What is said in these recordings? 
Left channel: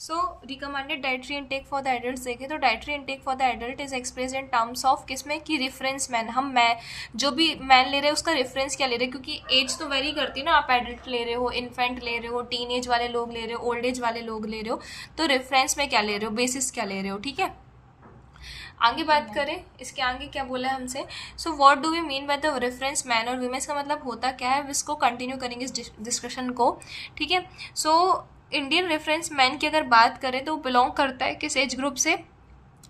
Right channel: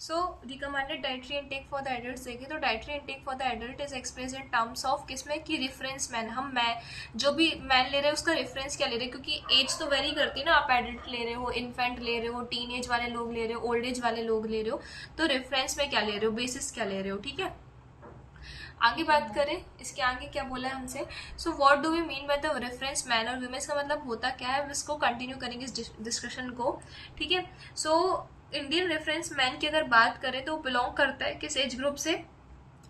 So recommended dietary intake for the adult देखें तो dietary intake for the adult is express in terms of किसमें कि reference man, हम मैं जो भी मैन ले रहे हैं उसका रेफरेंस क्या ले रहे हैं, क्योंकि एज तो वेरी करती है ना, आप एडल्ट ले रहे हो, इन्फेंट ले रहे हो, टीन एज वाले लोग ले रहे हो, ओल्ड एज वाले लोग ले रहे हो, तो रेफरेंस में क्या ले रहे हो, बेसिस क्या ले रहे हो, ठीक है। आगे ठीक है बात मैम। करें इसके आगे क्या बोला है हमसे। So what do we mean by the reference man और वीमेंस का मतलब होता क्या है, इसको कंटिन्यू करेंगे इस डिस्कशन को, ठीक है। सो इंडियन रेफरेंस मैन की अगर बात करें तो बिलोंग करता है किस एज ग्रुप से,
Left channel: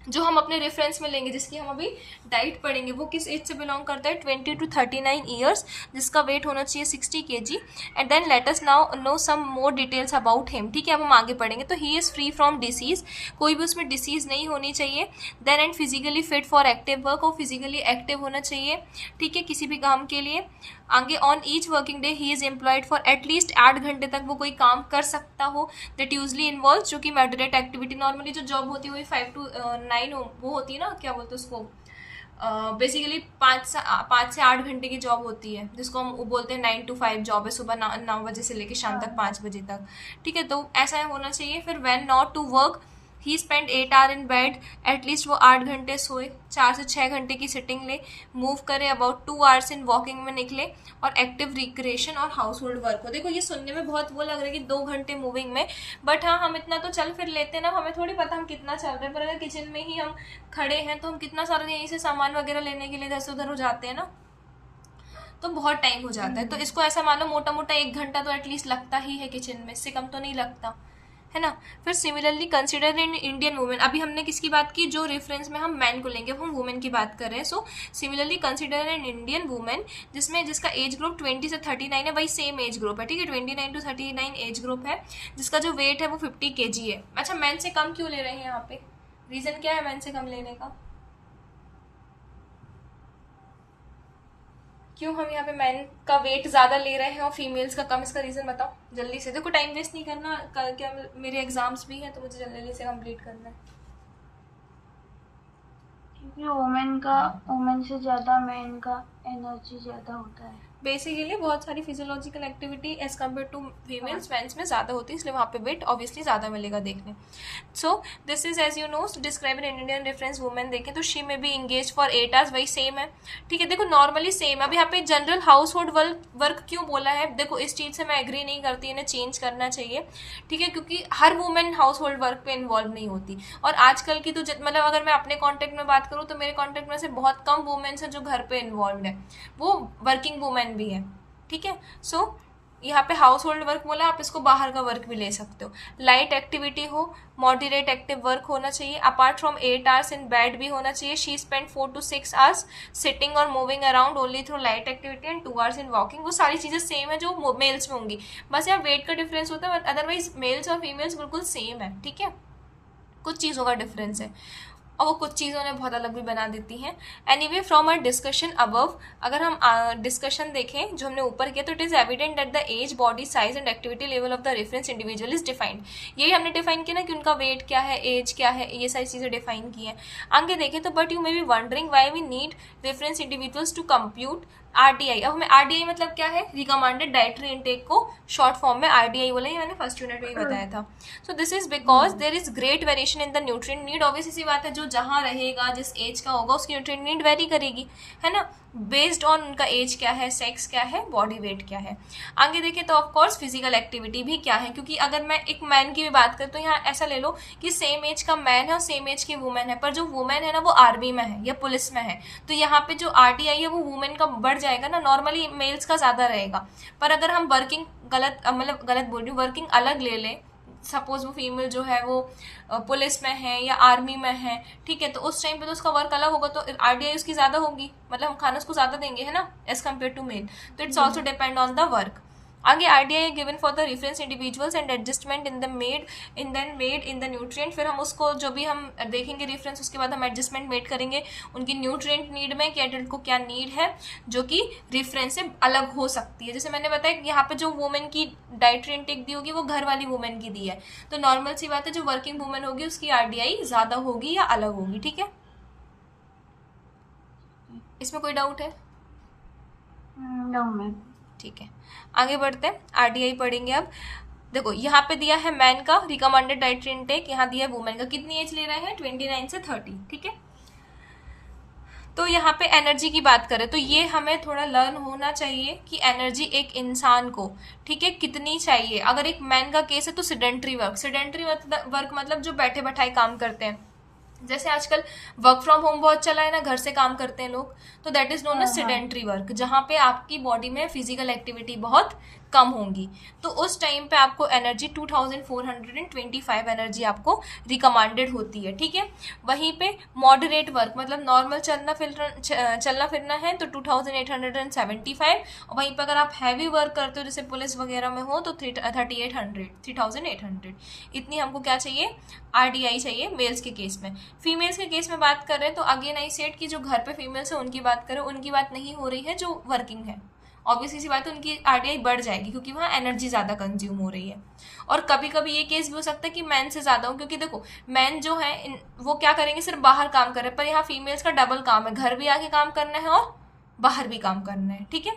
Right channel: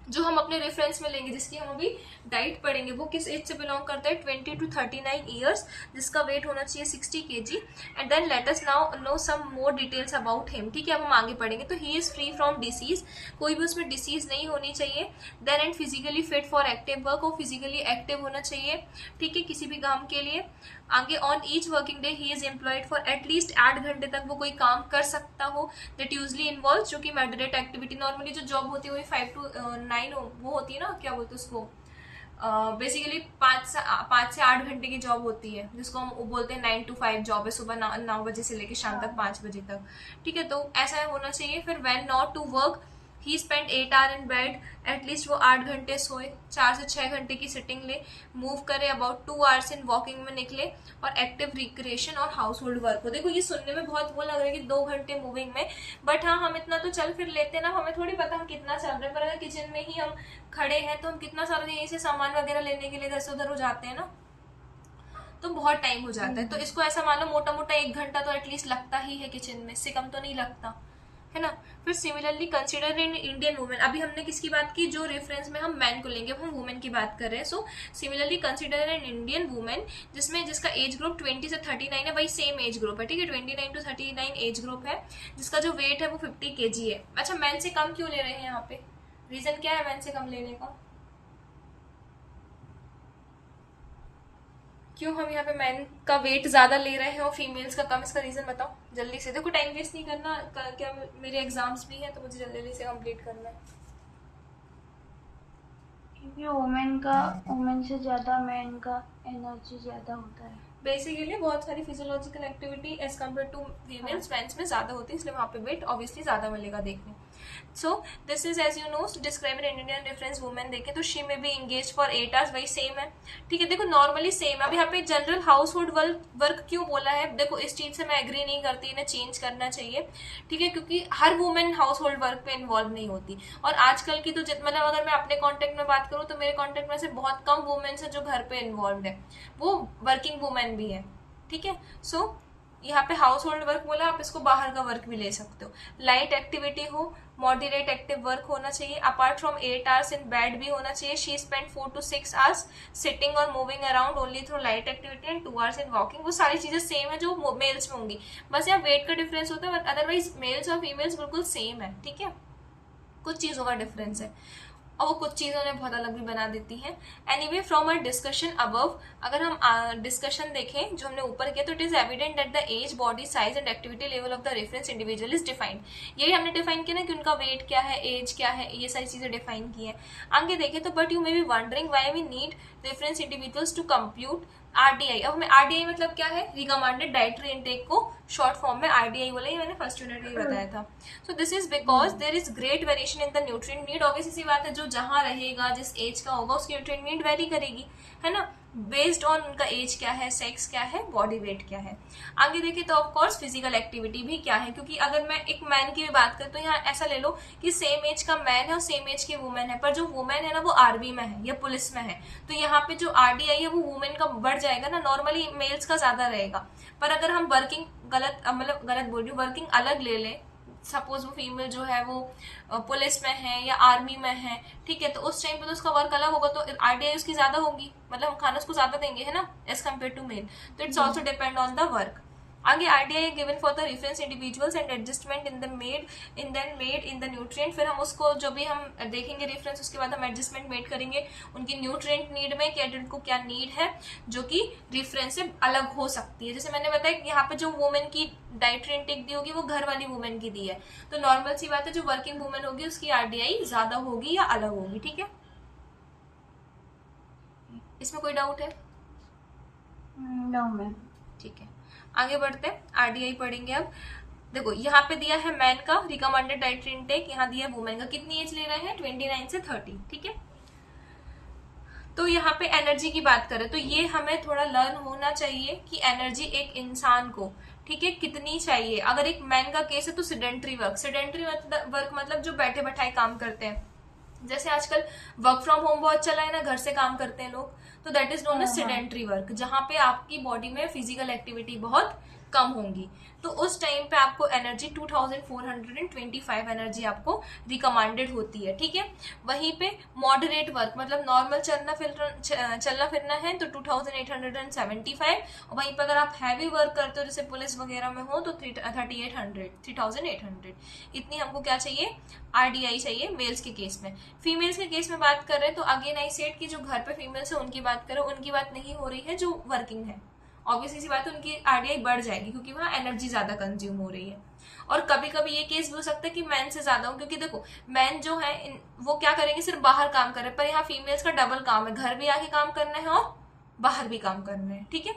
जो हम अपने रेफरेंस में लेंगे, जिसकी हम अभी डाइट पढ़ेंगे, वो किस एज से बिलोंग करता है, 20 to 39 ईयर्स, जिसका वेट होना चाहिए 60 kg। And then let us now know some more details about him, ठीक है। अब हम आगे पढ़ेंगे तो he is free from disease, कोई भी उसमें डिसीज नहीं होनी चाहिए। Then and physically fit for active work, और फिजिकली एक्टिव होना चाहिए, ठीक है, किसी भी काम के लिए। आगे on each working day he is employed for at least 8 घंटे तक वो कोई काम कर सकता हो, दैट यूजली इन्वॉल्व, जो कि मॉडरेट एक्टिविटी, नॉर्मली जो जॉब होती है वही 5 to 9 वो होती है ना, क्या बोलते हैं उसको, बेसिकली 5 से 8 घंटे की जॉब होती है, जिसको हम बोलते हैं 9 to 5 जॉब है, सुबह 9 बजे से लेकर शाम तक हाँ। 5 बजे तक, ठीक है। तो ऐसा होना चाहिए। फिर when not to work he spend 8 hour in bed, at least वो 8 घंटे सोए, 4 से 6 घंटे की सिटिंग ले, मूव करे, अबाउट 2 आवर्स इन वॉकिंग में निकले, और एक्टिव रिक्रिएशन और हाउस होल्ड वर्क हो। देखो ये सुनने में बहुत वो लग रहा है कि 2 घंटे मूविंग में, बट हाँ हम इतना तो चल फिर लेते हैं ना, हमें थोड़ी पता हम कितना चल रहे हैं, पर अगर किचन में ही हम खड़े हैं तो हम कितना सारा यहीं से सामान वगैरह लेने के लिए इधर से उधर हो जाते हैं ना, तो बहुत टाइम हो जाता है। तो इसको ऐसा मानो मोटा मोटा 1 घंटा तो एटलीस्ट लगता ही है किचन में, इससे कम तो नहीं लगता है ना। फिर similarly consider in Indian women, अभी हमने किसकी बात की, जो रेफरेंस में हम मैन को लेंगे, हम वुमेन की बात कर रहे हैं। So similarly consider in Indian women, जिसमें जिसका एज ग्रुप 20 से 39 है, भाई सेम एज ग्रुप है, ठीक है, 29 to 39 एज ग्रुप है, जिसका जो वेट है वो 50 kg है। अच्छा मैन से कम क्यों ले रहे हैं यहाँ पे, रीजन क्या है मैन से कम लेने का, क्यों हम यहाँ पे मैन का वेट ज्यादा ले रहे हैं और फीमेल्स का कम, इसका रीजन बताओ जल्दी से, देखो टाइम वेस्ट नहीं करना, क्या मेरे एग्जाम्स भी हैं तो मुझे जल्दी से कंप्लीट करना है। क्योंकि वुमेन से ज्यादा मैन का एनर्जी ज्यादा होता है। बेसिकली बहुत सारी physiological activity as compare to हाँ। फीमेल्स मेंस में ज़्यादा होती है, इसलिए वहाँ पे वेट ऑब्वियसली ज़्यादा मिलेगा देखने। So this is as you know describe in Indian reference women देखें तो she may be engage for 8 hours, वही सेम है, ठीक है। देखो नॉर्मली सेम है, अभी यहाँ पे जनरल हाउस होल्ड वर्क क्यों बोला है, देखो इस चीज़ से मैं एग्री नहीं करती, इन्हें चेंज करना चाहिए, ठीक है, क्योंकि हर वुमेन हाउस होल्ड वर्क पे इन्वॉल्व नहीं होती। और आजकल की तो मतलब अगर मैं अपने कॉन्टेक्ट में बात करूँ तो मेरे कॉन्टेक्ट में से बहुत कम वुमेन्स है जो घर पे इन्वॉल्व है, वो वर्किंग वुमेन भी है, ठीक है। सो यहाँ पे हाउस होल्ड वर्क बोला, आप इसको बाहर का वर्क भी ले सकते हो। लाइट एक्टिविटी हो, मॉडरेट एक्टिव वर्क होना चाहिए, apart from 8 hours in bed भी होना चाहिए। She spend 4 to 6 hours sitting और moving around only through light activity and 2 hours in walking, वो सारी चीजें सेम है जो मेल्स में होंगी, बस यहाँ वेट का डिफरेंस होता है, अदरवाइज मेल्स और फीमेल्स बिल्कुल सेम है, ठीक है, कुछ चीज़ों का डिफरेंस है, और वो कुछ चीज़ों ने बहुत अलग भी बना देती हैं। Anyway from a discussion above, अगर हम डिस्कशन देखें जो हमने ऊपर किया, तो it is evident that the age, body size and activity level of the reference individual is defined, यही हमने डिफाइन किया ना कि उनका वेट क्या है, एज क्या है, ये सारी चीज़ें डिफाइन की हैं। आगे देखें तो but you may be wondering why we need reference individuals to compute RDI. अब हमें आरडीआई मतलब क्या है, रिकमेंडेड डाइटरी इनटेक को शॉर्ट फॉर्म में आरडीआई बोला, ये मैंने फर्स्ट यूनिट में ही बताया था। So this is because there is great variation in the nutrient need, obvious सी बात है, जो जहाँ रहेगा जिस एज का होगा उसकी न्यूट्रिएंट नीड वेरी करेगी, है ना, बेस्ड ऑन उनका एज क्या है, सेक्स क्या है, बॉडी वेट क्या है। आगे देखें तो ऑफकोर्स फिजिकल एक्टिविटी भी क्या है, क्योंकि अगर मैं एक मैन की भी बात करूँ तो यहाँ ऐसा ले लो कि सेम एज का मैन है और सेम एज की वुमेन है, पर जो वुमेन है ना वो आर्मी में है या पुलिस में है, तो यहाँ पे जो आरडीआई है वो वुमेन का बढ़ जाएगा ना, नॉर्मली मेल्स का ज्यादा रहेगा। पर अगर हम वर्किंग गलत बोल रही हूँ, वर्किंग अलग ले लें, सपोज वो फीमेल जो है वो पुलिस में है या आर्मी में है, ठीक है, तो उस टाइम पे तो उसका वर्क अलग होगा, तो आरडीआई उसकी ज्यादा होगी, मतलब हम खाना उसको ज्यादा देंगे, है ना, एज कम्पेयर टू मेल, तो it's also depend on the work. आगे RDI given for the reference individuals and adjustment in the made in the nutrient, फिर हम उसको जो भी हम देखेंगे रेफरेंस, उसके बाद हम एडजस्टमेंट मेड करेंगे उनकी न्यूट्रिएंट नीड में कि एडल्ट को क्या नीड है, जो कि रेफरेंस से अलग हो सकती है। जैसे मैंने बताया कि यहाँ पे जो वुमेन की डाइटरी इंटेक दी होगी वो घर वाली वुमेन की दी है, तो नॉर्मल सी बात है जो वर्किंग वुमेन होगी उसकी आरडीआई ज्यादा होगी या अलग होगी, ठीक है। इसमें कोई डाउट है, नो मैम। ठीक है। आगे बढ़ते हैं, आरडीआई पढ़ेंगे अब। देखो यहाँ पे दिया है मैन का रिकमेंडेड डाइटरी इनटेक, यहाँ दिया है वुमेन का। कितनी एज ले रहे हैं? 29 से 30, ठीक है। तो यहाँ पे एनर्जी की बात करें तो ये हमें थोड़ा लर्न होना चाहिए कि एनर्जी एक इंसान को, ठीक है, कितनी चाहिए। अगर एक मैन का केस है तो सिडेंट्री वर्क, सिडेंट्री वर्क मतलब जो बैठे बैठाए काम करते हैं, जैसे आजकल वर्क फ्रॉम होम बहुत चला है ना, घर से काम करते हैं लोग, तो that is known as sedentary work, जहां पे आपकी बॉडी में फिजिकल एक्टिविटी बहुत कम होंगी। तो उस टाइम पे आपको एनर्जी 2425 एनर्जी आपको रिकमेंडेड होती है, ठीक है। वहीं पे मॉडरेट वर्क मतलब नॉर्मल चलना फिरना है तो 2875, और वहीं पे अगर आप हैवी वर्क करते हो जैसे पुलिस वगैरह में हो तो 3800 इतनी हमको क्या चाहिए? आरडीआई चाहिए मेल्स के केस में। फीमेल्स के केस में बात करें तो अगेन आई सेड कि जो घर पे फीमेल्स है उनकी बात करें, उनकी बात नहीं हो रही है, जो वर्किंग है ऑब्वियसली सी बात है उनकी आरडीआई बढ़ जाएगी क्योंकि वहाँ एनर्जी ज्यादा कंज्यूम हो रही है। और कभी कभी ये केस भी हो सकता है कि मैन से ज्यादा हो, क्योंकि देखो मैन जो है वो क्या करेंगे, सिर्फ बाहर काम कर रहे हैं, पर यहाँ फीमेल्स का डबल काम है, घर भी आके काम करना है और बाहर भी काम करना है, ठीक है।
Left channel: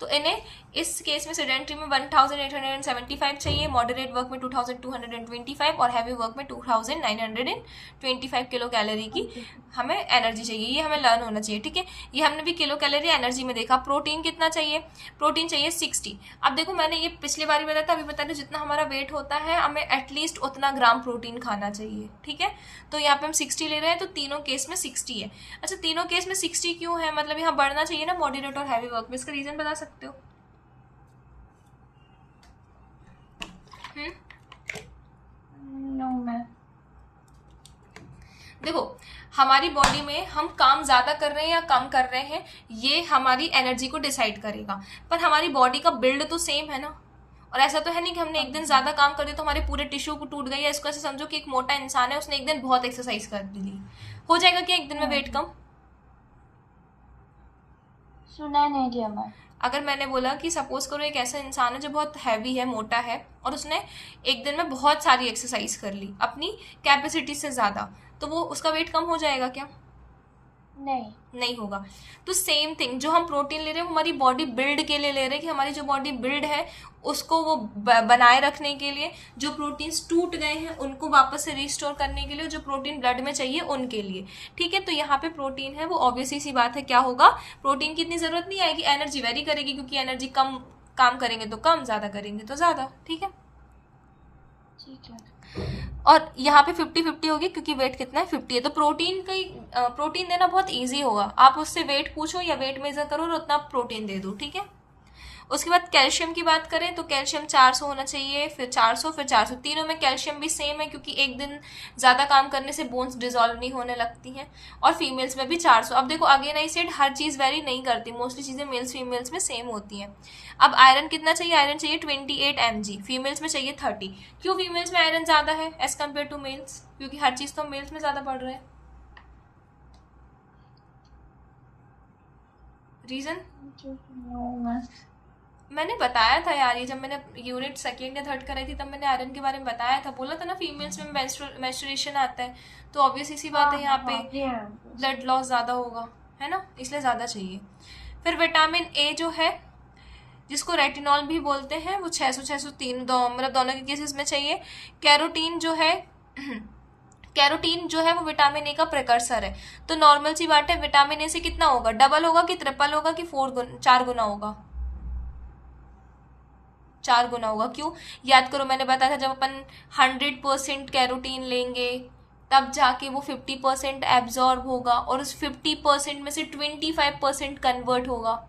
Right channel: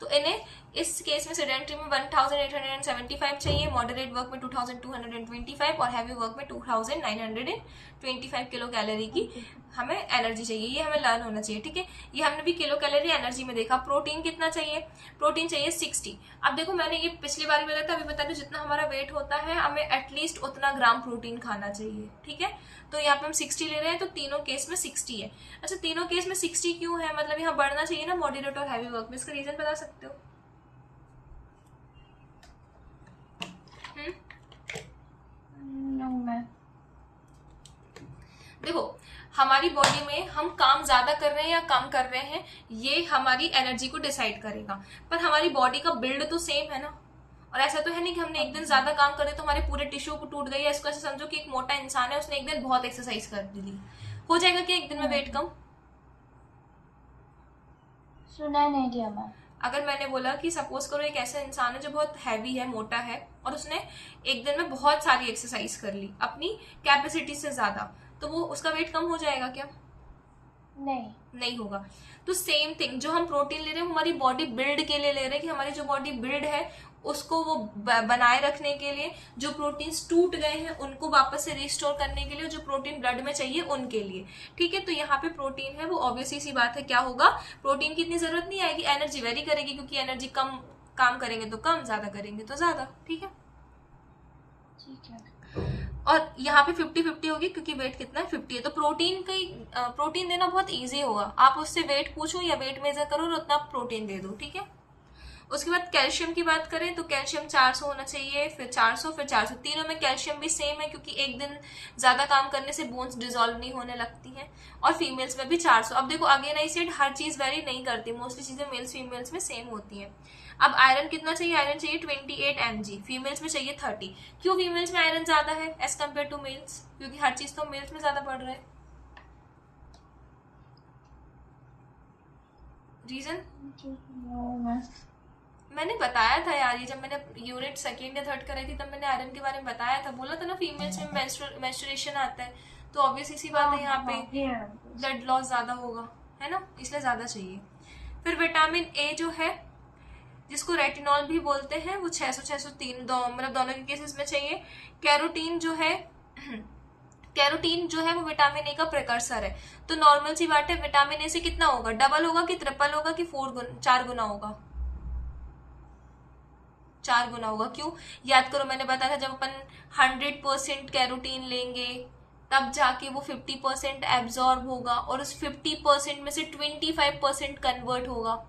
तो इन्हें इस केस में सिडेंट्री में 1875 चाहिए, मॉडरेट वर्क में 2225 और हैवी वर्क में 2925 किलो कैलोरी की हमें एनर्जी चाहिए। ये हमें लर्न होना चाहिए, ठीक है। ये हमने भी किलो कैलोरी एनर्जी में देखा। प्रोटीन कितना चाहिए? प्रोटीन चाहिए 60। अब देखो मैंने ये पिछली बार भी बताया था, अभी बता दूं, जितना हमारा वेट होता है हमें एटलीस्ट उतना ग्राम प्रोटीन खाना चाहिए, ठीक है। तो यहाँ पे हम 60 ले रहे हैं तो तीनों केस में 60 है। अच्छा तीनों केस में 60 क्यों है? मतलब यहाँ बढ़ना चाहिए ना मॉडरेट और हैवी वर्क में, इसका रीजन बता सकते हो? No ma'am. देखो हमारी बॉडी में हम काम ज्यादा कर रहे हैं या कम कर रहे हैं ये हमारी एनर्जी को डिसाइड करेगा, पर हमारी बॉडी का बिल्ड तो सेम है ना। और ऐसा तो है नहीं कि हमने एक दिन ज्यादा काम कर दिया तो हमारे पूरे टिश्यू को टूट गई है। इसको ऐसे समझो कि एक मोटा इंसान है, उसने एक दिन बहुत एक्सरसाइज कर ली, हो जाएगा क्या एक दिन में वेट कम? सुना नहीं दिया मैम। अगर मैंने बोला कि सपोज करो एक ऐसा इंसान है जो बहुत हैवी है, मोटा है, और उसने एक दिन में बहुत सारी एक्सरसाइज कर ली अपनी कैपेसिटी से ज्यादा, तो वो उसका वेट कम हो जाएगा क्या? नहीं होगा। तो सेम थिंग, जो हम प्रोटीन ले रहे हैं वो हमारी बॉडी बिल्ड के लिए ले रहे हैं, कि हमारी जो बॉडी बिल्ड है उसको वो बनाए रखने के लिए, जो प्रोटीन्स टूट गए हैं उनको वापस से रिस्टोर करने के लिए, जो प्रोटीन ब्लड में चाहिए उनके लिए, ठीक है। तो यहाँ पे प्रोटीन है वो ऑब्वियसली सी बात है क्या होगा, प्रोटीन की इतनी जरूरत नहीं आएगी, एनर्जी वेरी करेगी, क्योंकि एनर्जी कम काम करेंगे तो कम, ज्यादा करेंगे तो ज्यादा, ठीक है। ठीक है। और यहाँ पे 50-50 होगी क्योंकि वेट कितना है? 50 है। तो प्रोटीन देना बहुत इजी होगा, आप उससे वेट पूछो या वेट मेजर करो और उतना प्रोटीन दे दो, ठीक है। उसके बाद कैल्शियम की बात करें तो कैल्शियम 400 होना चाहिए, फिर 400, फिर 400। तीनों में कैल्शियम भी सेम है क्योंकि एक दिन ज्यादा काम करने से बोन्स डिजोल्व नहीं होने लगती हैं। और फीमेल्स में भी 400। अब देखो अगेन आई सेड हर चीज वेरी नहीं करती, मोस्टली चीजें मेल्स फीमेल्स में सेम होती हैं। अब आयरन कितना चाहिए? आयरन चाहिए 28 mg, फीमेल्स में चाहिए 30। क्यों फीमेल्स में आयरन ज्यादा है एज कम्पेयर टू मेल्स? क्योंकि हर चीज तो मेल्स में ज्यादा पड़ रहा है। रीजन मैंने बताया था यार, ये जब मैंने यूनिट सेकेंड या थर्ड कराई थी तब मैंने आयरन के बारे में बताया था, बोला था ना फीमेल्स में मेंस्ट्रुएशन आता है, तो ऑब्वियस इसी बात है यहाँ पे ब्लड लॉस ज्यादा होगा, है ना, इसलिए ज्यादा चाहिए। फिर विटामिन ए जो है जिसको रेटिनॉल भी बोलते हैं वो 600-603 मतलब दोनों के केसेस में चाहिए। कैरोटीन जो है कैरोटीन जो है वो विटामिन ए का प्रिकर्सर है। तो नॉर्मल सी बात है, विटामिन ए से कितना होगा? डबल होगा कि ट्रिपल होगा कि 4 गुना होगा? 4 गुना होगा। क्यों? याद करो मैंने बताया था जब अपन 100% कैरोटीन लेंगे तब जाके वो 50% एब्जॉर्ब होगा और उस 50% में से 25% कन्वर्ट होगा।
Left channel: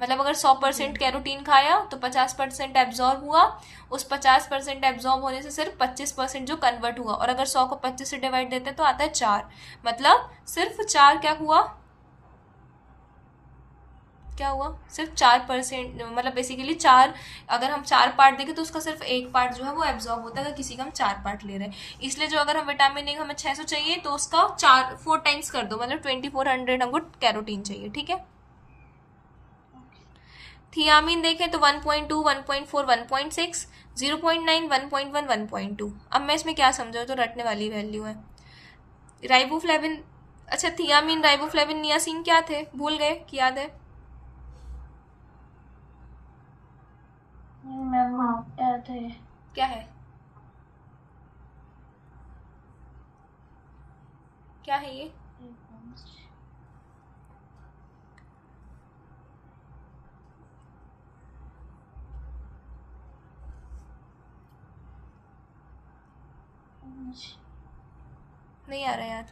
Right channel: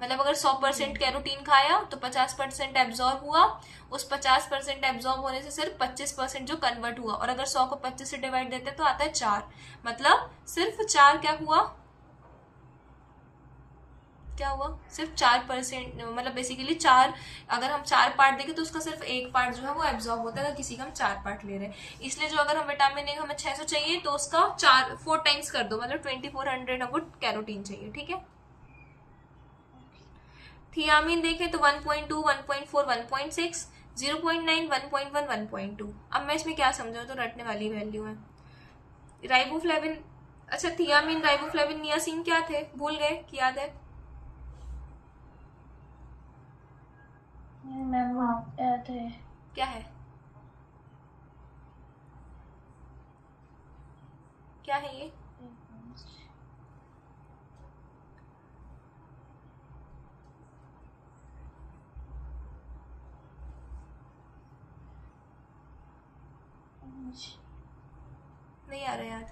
मतलब अगर 100% कैरोटीन खाया तो 50% एब्जॉर्ब हुआ, उस 50% एब्जॉर्ब होने से सिर्फ 25% जो कन्वर्ट हुआ, और अगर 100 को 25 से डिवाइड देते तो आता है 4, मतलब सिर्फ 4 क्या हुआ? सिर्फ 4%, मतलब बेसिकली 4, अगर हम 4 पार्ट देखें तो उसका सिर्फ 1 पार्ट जो है वो एब्जॉर्ब होता है अगर किसी का हम 4 पार्ट ले रहे हैं। इसलिए जो अगर हम विटामिन ए हमें 600 चाहिए तो उसका 4 टाइम्स कर दो, मतलब 2400 हमको कैरोटीन चाहिए, ठीक है। थियामिन देखें तो 1.2, 1.4, 1.6, 0.9, 1.1, 1.2। अब मैं इसमें क्या समझाऊँ, तो रटने वाली वैल्यू है। राइबोफ्लेविन, अच्छा थियामिन, राइबोफ्लेविन, नियासिन क्या थे? भूल गए कि याद है? मैम याद है। क्या है, क्या है ये? नहीं आ रहा याद।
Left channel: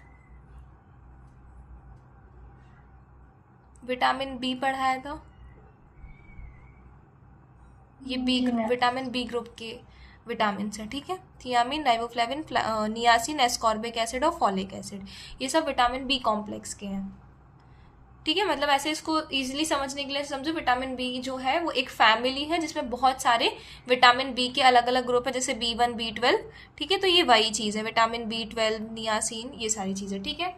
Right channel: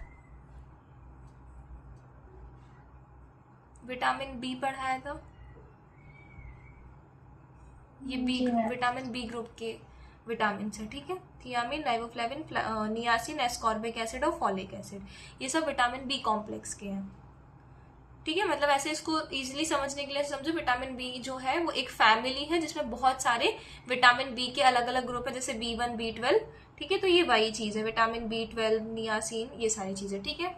विटामिन बी पढ़ाया था, ये बी, जी मैम। विटामिन बी ग्रुप के विटामिन है, ठीक है। Thiamine, riboflavin, niacin, ascorbic acid और फॉलिक एसिड, ये सब विटामिन बी कॉम्प्लेक्स के हैं, ठीक है। मतलब ऐसे इसको इजीली समझने के लिए समझो, विटामिन बी जो है वो एक फैमिली है जिसमें बहुत सारे विटामिन बी के अलग अलग ग्रुप है, जैसे B1, B12, ठीक है। तो ये वही चीज है, विटामिन B12, नियासिन, ये सारी चीजें, ठीक है।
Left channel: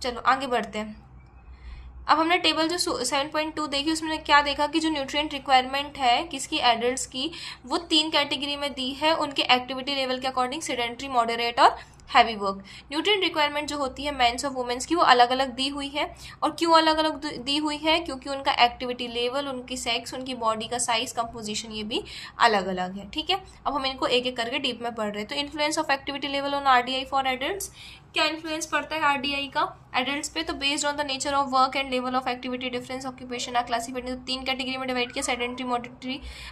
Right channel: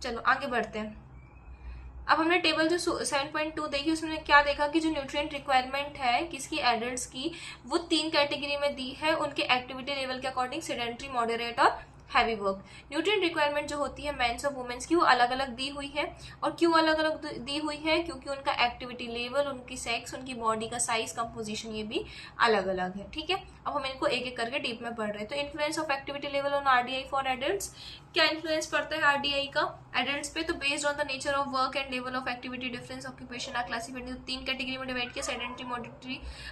चलो आगे बढ़ते हैं। अब हमने टेबल जो 7.2 देखी, उसमें क्या देखा कि जो न्यूट्रिएंट रिक्वायरमेंट है किसकी, एडल्ट्स की, वो 3 कैटेगरी में दी है उनके एक्टिविटी लेवल के अकॉर्डिंग, सेडेंट्री, मॉडरेट और हैवी वर्क। न्यूट्रिएंट रिक्वायरमेंट जो होती है मेंस और वुमेन्स की, वो अलग अलग दी हुई है। और क्यों अलग अलग दी हुई है? क्योंकि उनका एक्टिविटी लेवल, उनकी सेक्स, उनकी बॉडी का साइज, कंपोजिशन, ये भी अलग अलग है, ठीक है। अब हम इनको एक एक करके डीप में पढ़ रहे हैं। तो influence of activity level on RDI for adults, क्या इन्फ्लुएंस पड़ता है आरडीआई का एडल्ट्स पे? तो based on the nature of work and level of activity difference occupation are classified in 3 category में डिवाइड किया, सेडेंट्री,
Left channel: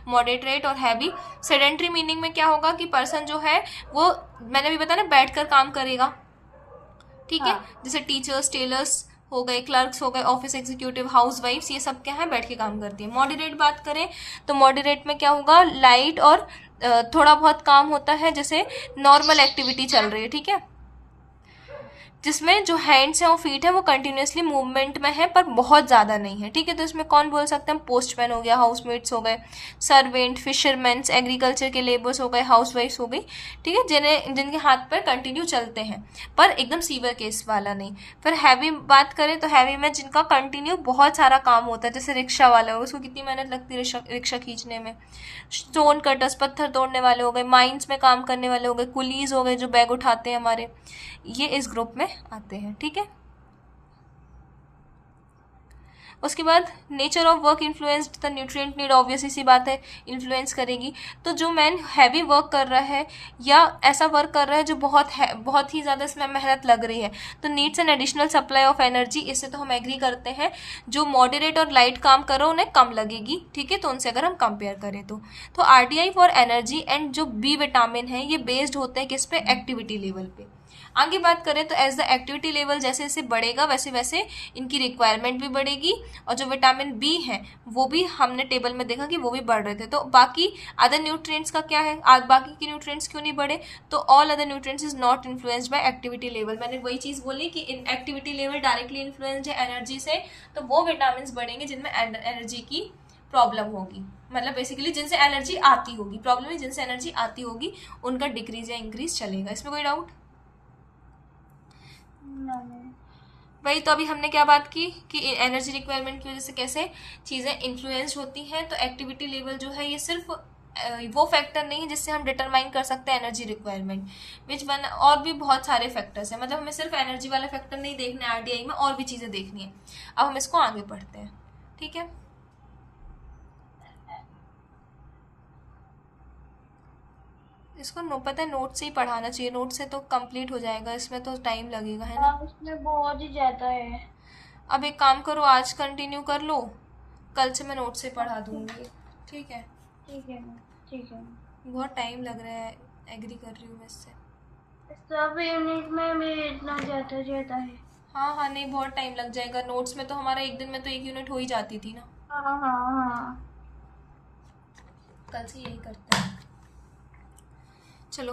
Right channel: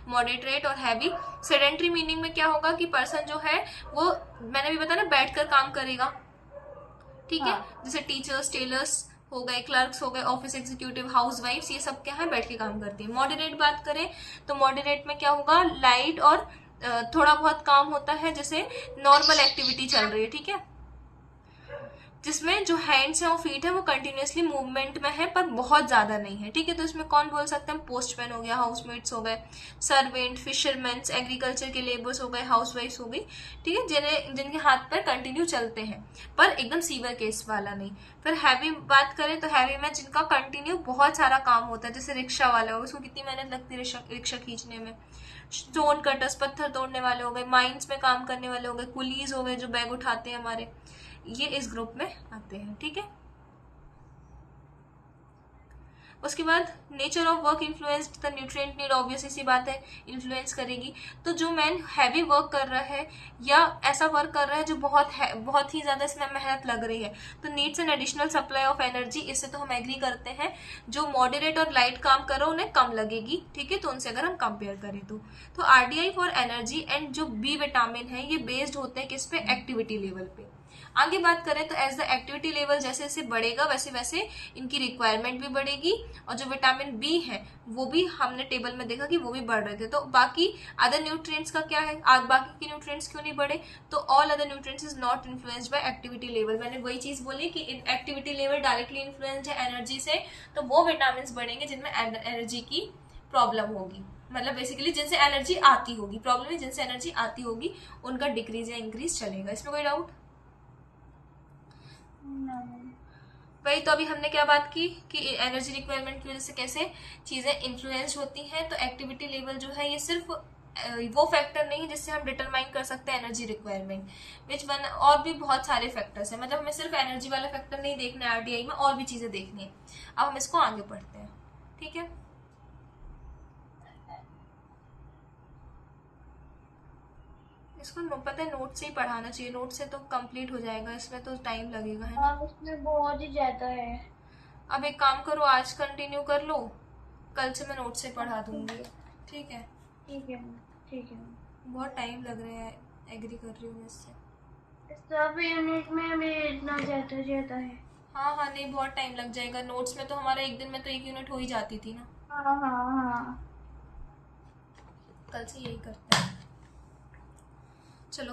मॉडरेट और हैवी। सेडेंट्री मीनिंग में क्या होगा कि पर्सन जो है वो, मैंने भी बताया ना, बैठकर काम करेगा, ठीक है। जैसे टीचर्स, टेलर्स हो गए, क्लर्क्स हो गए, ऑफिस एग्जीक्यूटिव, हाउस वाइफ्स, ये सब क्या है, बैठ के काम करती है। मॉडरेट बात करें तो मॉडरेट में क्या होगा, लाइट और थोड़ा बहुत काम होता है, जैसे नॉर्मल एक्टिविटी चल रही है, ठीक है, जिसमें जो हैंड्स हैं और फीट है वो कंटिन्यूसली मूवमेंट में है पर बहुत ज़्यादा नहीं है, ठीक है। तो इसमें कौन बोल सकते हैं, पोस्टमैन हो गया, हाउसमेट्स हो गए, सर्वेंट, फिशरमैन, एग्रीकल्चर के लेबर्स हो गए, हाउसवाइफ्स हो गई, ठीक है, जिनके हाथ पैर कंटिन्यू चलते हैं पर एकदम सीवियर केस वाला नहीं। फिर हैवी बात करें तो हैवी में जिनका कंटिन्यू बहुत सारा काम होता है, जैसे रिक्शा वाला हो, उसको कितनी मेहनत लगती है रिक्शा खींचने में। स्टोन कटर्स, पत्थर तोड़ने वाले हो गए, माइंस में काम करने वाले हो गए, कुलीज हो गए जो बैग उठाते हैं हमारे, ये इस ग्रुप में आते हैं, ठीक है। उसके बाद nature of work influenced the nutrient need, obviously सी बात है, इन्फ्लुएंस करेगी। तो जो मैन हैवी वर्क कर रहा है या ऐसा वर्क कर रहा है जो बहुत ही ज़्यादा इसमें मेहनत लग रही है, तो needs an additional supply of energy, इससे तो हम एग्री करते हैं। जो मॉडरेट और लाइट काम करो उन्हें कम लगेगी, ठीक है, तो उनसे अगर हम कंपेयर करें तो आरडीआई फॉर एनर्जी एंड जो बी विटामिन है ये बेस्ड होते हैं किस पे, एक्टिविटी लेवल पे। आगे बात करें तो एज द एक्टिविटी लेवल जैसे जैसे बढ़ेगा वैसे वैसे इनकी रिक्वायरमेंट भी बढ़ेगी, और जो विटामिन बी है वो भी हमने टेबल में देखा कि वो भी बढ़ रहे थे। तो बाकी अदर न्यूट्रिएंट्स का क्या है, आज बाकी के न्यूट्रिएंट्स क्यों नहीं बढ़े? तो all other nutrients is not influenced by activity level. मैंने वही चीज बोली कि एक्टिविटी लेवल डायरेक्टली इन्फ्लुएंस्ड है एनर्जी से, तो वो विटामिन बढ़ेंगे जिनमें एनर्जी की प्रॉब्लम होगी, मतलब बेसिकली जिनसे एनर्जी आती होगी, प्रॉब्लम है जिनसे एनर्जी आती होगी उनका डिक्रीज या इंक्रीज चलेगा। इसमें कोई डाउट? वही तो अभी हमने क्या बात की कि एनर्जी रिक्वायरमेंट की वजह से कैसे चीज़ें इन्फ्लुएंस होती हैं। तो एक्टिविटी लेवल जो है ये सिर्फ वो फैक्टर नहीं है जिससे हम डिटरमाइन कर सकते हैं एनर्जी रिक्वायरमेंट, विच वन, और भी बहुत सारे फैक्टर्स हैं। मतलब हमें सिर्फ एनर्जी वाला फैक्टर नहीं देखना है आरडीआई में, और भी चीज़ें देखनी है। अब हम इसको आगे पढ़ते हैं, ठीक है। इसको पता है नोट से ही पढ़ाना चाहिए, नोट से तो कंप्लीट हो जाएगा, इसमें तो टाइम लगेगा, है ना। इसमें बहुत ही ज्यादा है। अब एक काम करो, आज कंटिन्यू कर लो, कल से मैं नोट से पढ़ा दूंगी, ठीक है। ठीक है, ठीक है। बहुत टाइम लग रहा है, एग्री कर रही हूँ मैं इससे। सब यूनिट में भी इतना ज्यादा है। हाँ हाँ, नहीं बहुत टाइम लग जाएगा, नोट्स में तो हमारा एक दिन में तो एक यूनिट हो ही जाती थी ना। हाँ हाँ हाँ। कल से यही करते हैं। चलो